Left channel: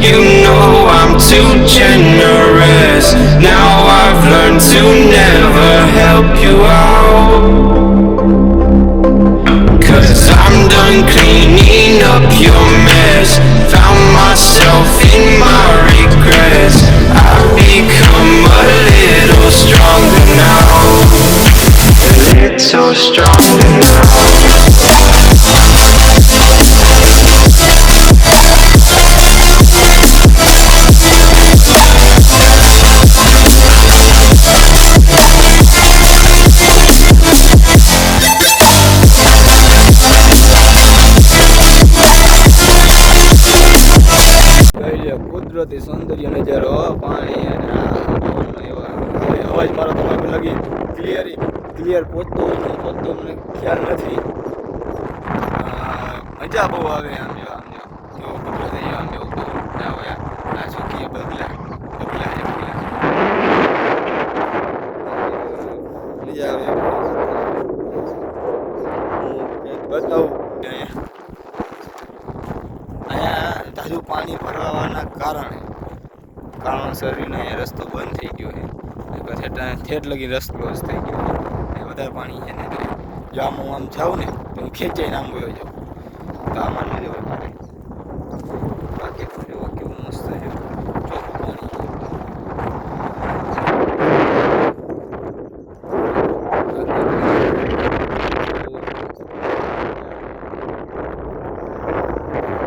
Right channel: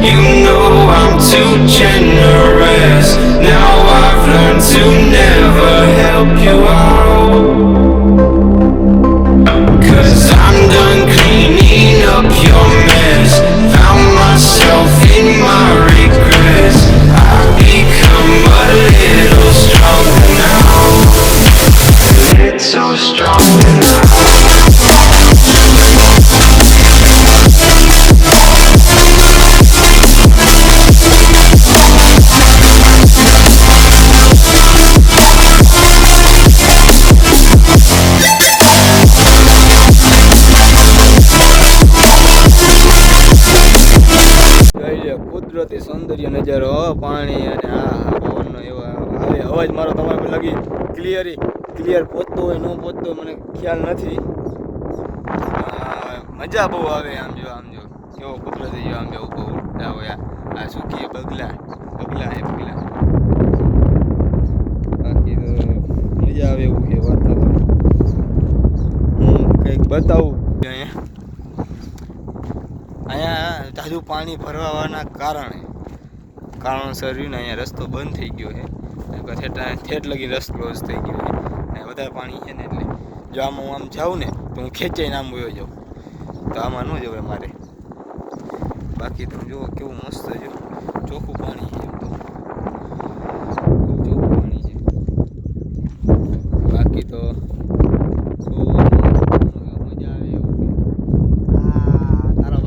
You know I'm too generous. Now I've learned to never help you out. 'Cause I'm done cleaning up your mess. Found myself in my regrets. I've become a little stronger now. A little stronger now. કુદરતી સૌંદર્ય નજારો, પાણી અને પવનનો એવો આવે અવાજ મારો તમારે લગી ક્લિયર પહોંચતો હોય ન પહોંચતો મને ખ્યાલ નથી. મજા બહુ આવે આમ જો એવો કુદરતી જો આમ એવું તો ના હોય આ સુખી બગલા મજા આવે. હું કંઈક બતાવું અહીંયા તાજુ પાણી ભરવાના કારણોસર અહીંયા રસ્તો બંધ થઈ ગયો છે. ઠેઠ લગી રસ્તો ક્લોઝ થઈ ગયો છે. વધારે પાણી છે ને જો આમાં હું આમ જાઉં ને તો હું ખેંચાઈને આમ ગયો જાઉં તો આમાં ન જવાય મારે. બાકી તો જુઓ કેવું મસ્ત છે ચોખ્ખું પાણી છે. બાકી તો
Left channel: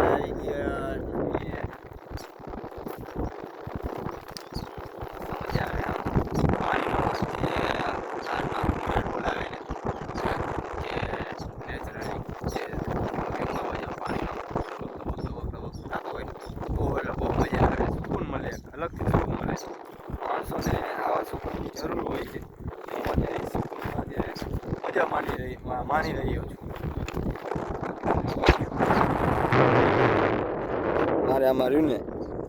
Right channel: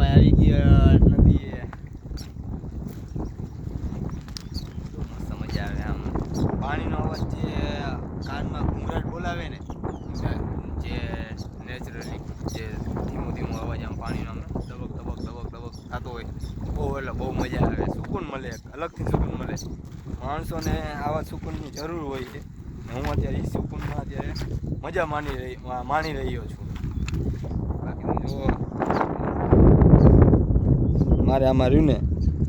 આવી ગયા નથી. મજા આવે આમ પાણીનો હાથમાં ઘૂંઘટ બોલાવે ને જે નેચરલી જે ધીમો અવાજ આમ પાણીનો ધબક થતો હોય બહુ એટલે બહુ મજા આવે. સુકૂન મળે, અલગથી સુકૂન મળે. માણસોને આવા સુકૂનની જરૂર હોય છે. હું અત્યારે એ સુકૂનમાં અત્યારે મજા માણી રહ્યો છું. મારે આમાં રહ્યું ને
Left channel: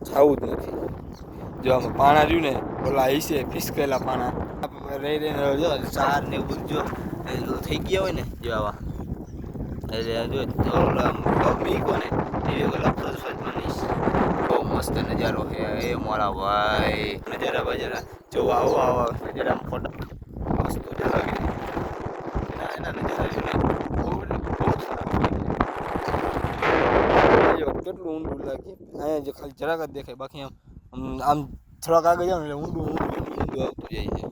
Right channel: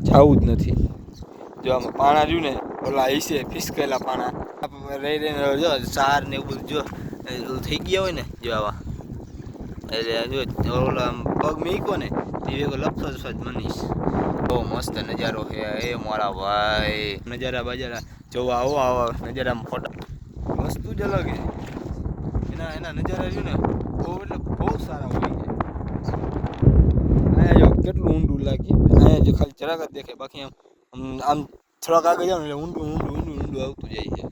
જવું જ નથી. જો આમાં પાણા રહ્યું ને ઓલા હિસે ફિસકેલા પાણા રહીને જો ચાર ને એવું જો થઈ ગયા હોય ને જો આવા એટલે જો ઓલા પગ મીકો ને એવી લફજ બનીશ. બહુ મસ્ત નજારો છે એ મારા ભાઈ. નજારા બજારા જોવા આવો નજારામાં ફોટા વસ્તુ જ અલગ છે. એના નજારા છે ને બહુ સારા હોય છે. કેટલું ઊંડું લાગે અહીંયા જો ખાલી જરાક જ દેખાય, બાકી આમ થોડાક આગળ જાવ ને એટલે ઊંડું આવતું જાય છે.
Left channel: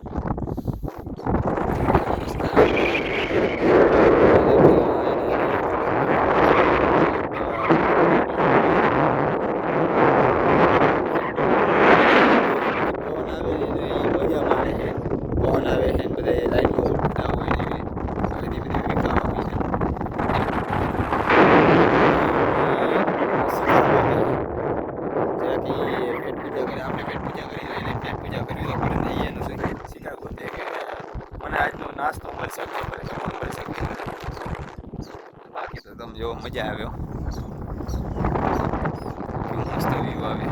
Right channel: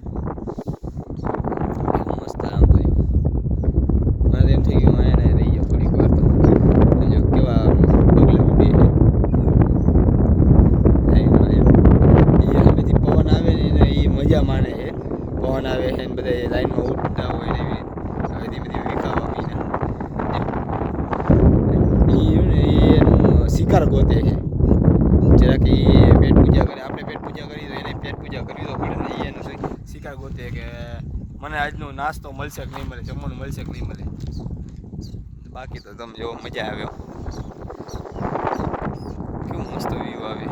પવન આવે ને એ મજા માને છે. પવન આવે છે ને બધા લાઈનમાં ઉડતા હોય ને એવી બધી વિકામ આપી છે. શિકાર ગોતે છે જરાક એ પેટ પૂજા કરે. આપણે પેટ પૂજા કરી તો એને પેટ પૂજા કરવી તો પડે ને. એનો શિકાર ગોતે કે મને આજનો નાસ્તો મળશે કે નહીં મળે, જમવાનું મળશે કે નહીં મળે. બાકી તો તમે જો મજા આવ્યો. કેવું મસ્ત વ્યૂ આવે.